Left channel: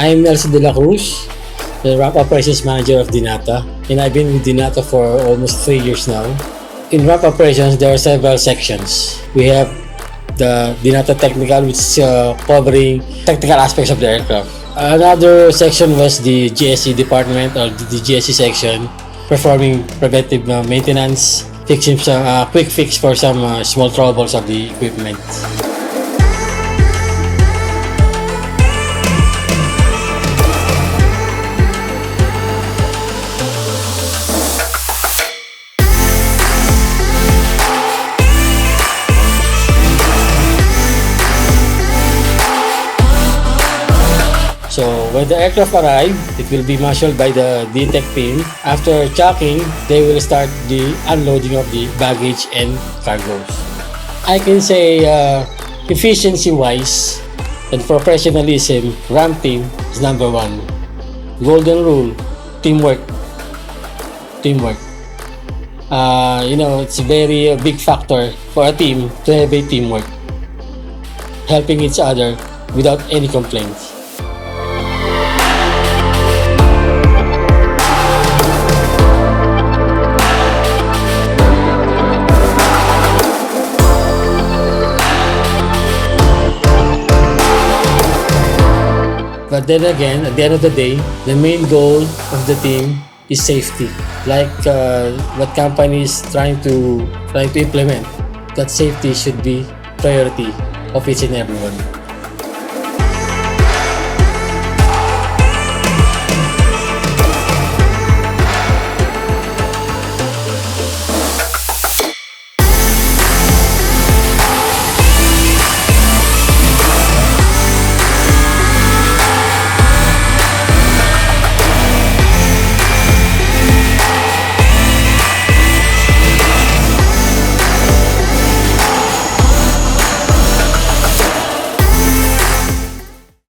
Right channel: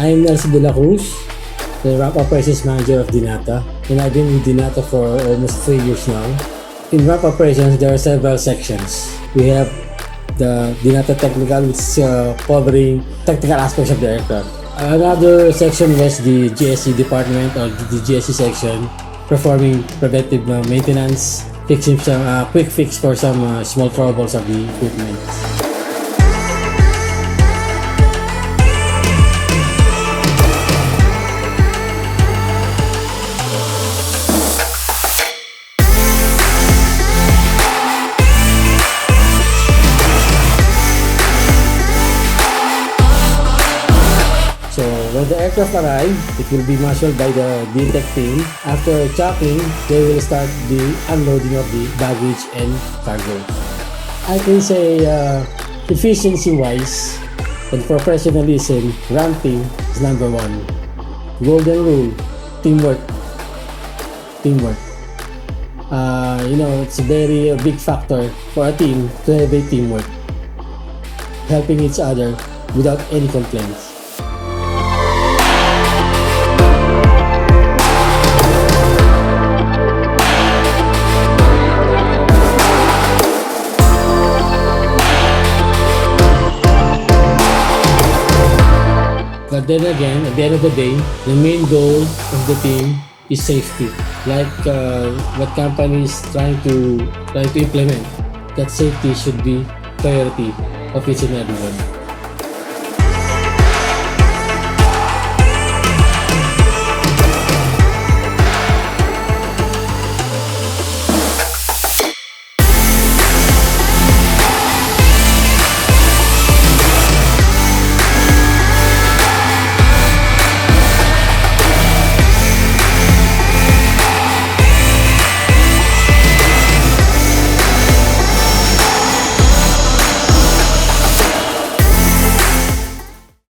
I'm Nelson de la Cruz, the Ramp Operations Manager of Dnata, and I've been with Dnata for almost 3 years now. In Ramp Operations, there are several sections. We have the Dnata Technical, which is covering technical aspects of the aircraft. Another section was the GSC department, or the GSC section, performing preventive maintenance, fixing some quick fix for some small troubles of the equipment. So when the aircraft arrive, it will be marshaled by the DTEC team. After checking, they will start the unloading of the baggage and cargoes. I can say efficiency-wise and professionalism, ramp team is number one. Golden rule, teamwork. Teamwork. It's a very big factor for a team to have a teamwork, helping each other without any complaints. But then again, at the end of the day, the main goal of the team is safety. Like what companies trying to implement, that safety should be priority of each and everyone.